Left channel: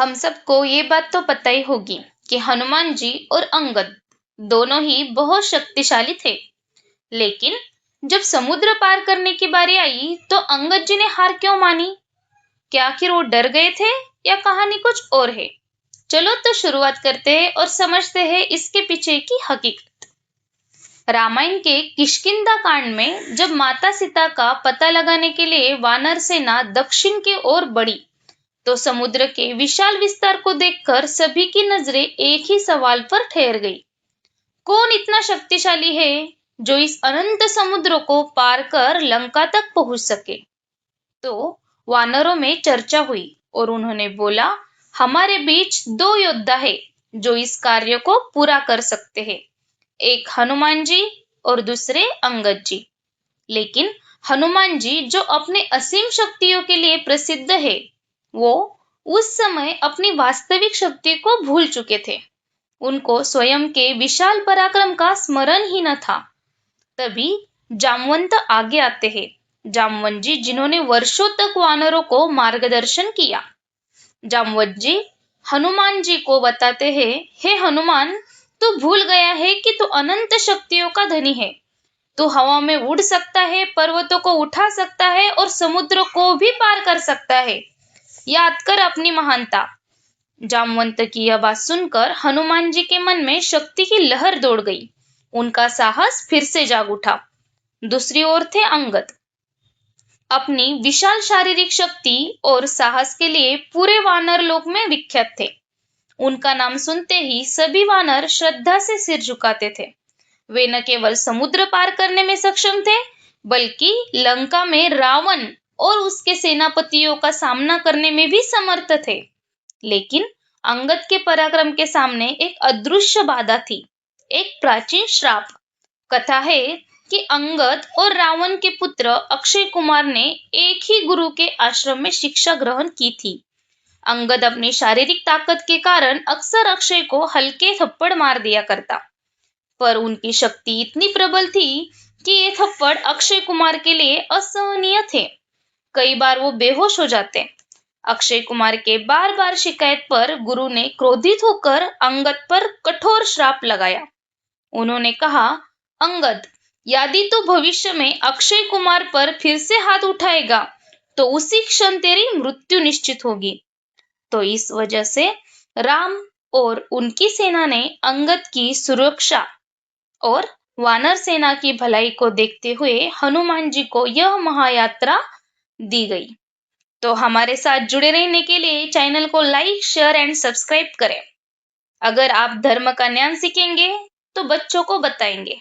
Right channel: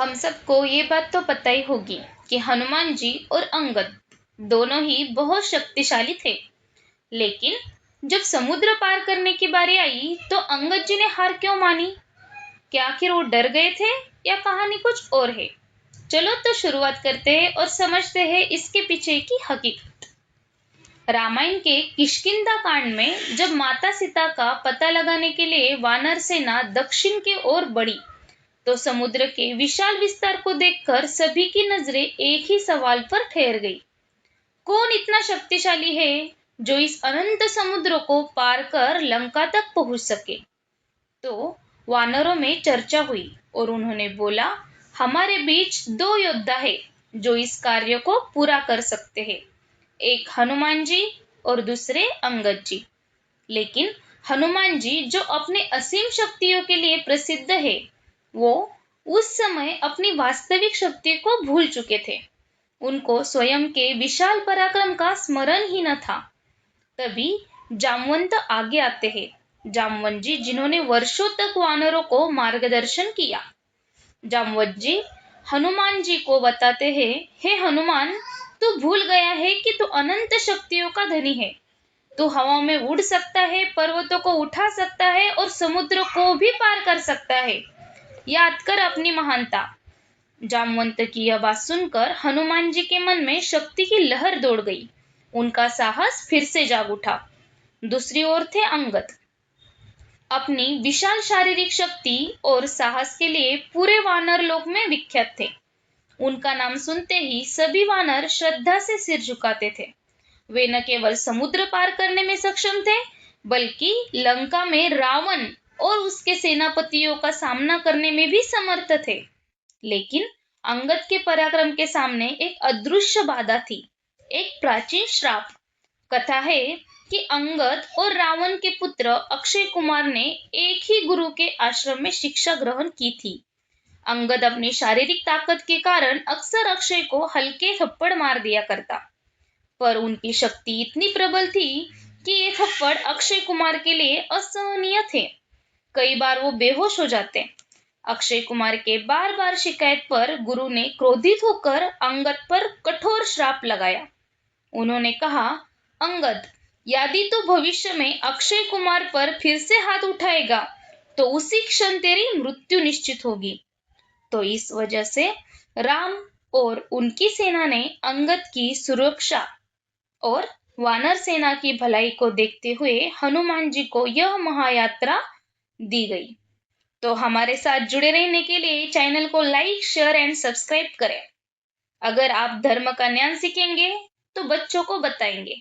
हम सबको ये बात तो पता ही होगी कि हनुमान जी और अंगद दोनों ही बहुत शक्तिशाली थे। लेकिन जब समुद्र पार करने की बारी आई तो अंगद जी ने हार क्यों मानी? क्या आखिर वो डर गए थे या कहानी कुछ और है? चलो तो शुरुआत करते हैं और समझते हैं इसके पीछे की हकीकत। रामायण के किष्किंधा कांड में जब माता सीता का पता लगाने के लिए वानर सेना दक्षिण की ओर बढ़ी तो समुद्र के विशाल विस्तार को देखकर सभी की नजरें एक ही सवाल पर ठहर गई। कौन इतना शक्तिशाली है जो इस अनंत समुद्र को पार कर लंका तक पहुंच सके? तो वानरों में चर्चा हुई और उन्होंने बोला, हमारे बीच दो योद्धा है जो इस कार्य को पूरा कर सकते हैं, एक हनुमान जी और दूसरे अंगद जी। लेकिन हनुमान जी जो अपने असीम शक्तियों के लिए प्रसिद्ध है, वो उस समय अपनी वास्तविक शक्ति को भूल चुके थे। उनको स्वयं के विशाल पराक्रम का स्मरण ही न था। तभी जामवंत आगे आते हैं। जामवंत जी जिन्होंने वर्षों तक वानरों को मार्गदर्शन किया। जामवंत जी हनुमान जी को बताते हैं, हे हनुमान, तू भूल गया है कि तू अनंत शक्तियों का धनी है। तू हवा में उड़ सकता है, पर्वतों को उठा सकता है और समुद्र को भी पार कर सकता है। याद कर अपनी महानता। जामवंत की यह बात सुनकर हनुमान जी के मन में शक्ति की लहर दौड़ गई। उनका साहस फिर से जाग उठा। दूसरी ओर थे अंगद। अपनी विशाल शारीरिक शक्ति और साहस के लिए पूरे वानर लोक में विख्यात थे। उनका नाम सुनते ही सभी वानर श्रद्धा से सिर झुकाते थे। वे न केवल समुद्र पार करने में सक्षम थे, बल्कि लंका में रावण और उसके सेनापतियों का सामना करने में भी समर्थ थे। लेकिन अंगद के पराक्रम के सामने एक अदृश्य बाधा थी, एक प्राचीन श्राप। कथा है कि अंगद और रावण के पुत्र अक्षय कुमार ने एक ही गुरु के आश्रम में शिक्षा ग्रहण की थी। अंगद अपनी शारीरिक ताकत के कारण अक्सर अक्षय को हल्के थप्पड़ मार दिया करता, पर उनकी शक्ति इतनी प्रबल थी कि ये थप्पड़ अक्षय कुमार के लिए असहनीय थे। कई बार वो बेहोश हो जाते। अक्षय कुमार के बार बार शिकायत पर गुरु ने क्रोधित होकर अंगद पर कठोर श्राप लगाया। उन्होंने कहा, अंगद, यदि तू भविष्य में अक्षय कुमार पर फिर से हाथ उठाएगा तो उसी क्षण तेरी मृत्यु निश्चित होगी। तो इस वजह से राम और उनकी सेना ने अंगद की सुरक्षा और वानर सेना की भलाई को देखते हुए हनुमान जी को यह महायात्रा दी गई। तो हमारे साथ जुड़े रहने के लिए चैनल को लाइक, शेयर एंड सब्सक्राइब करें। अगर आप धर्म का ज्ञान सीखेंगे तो बच्चों को बताएंगे।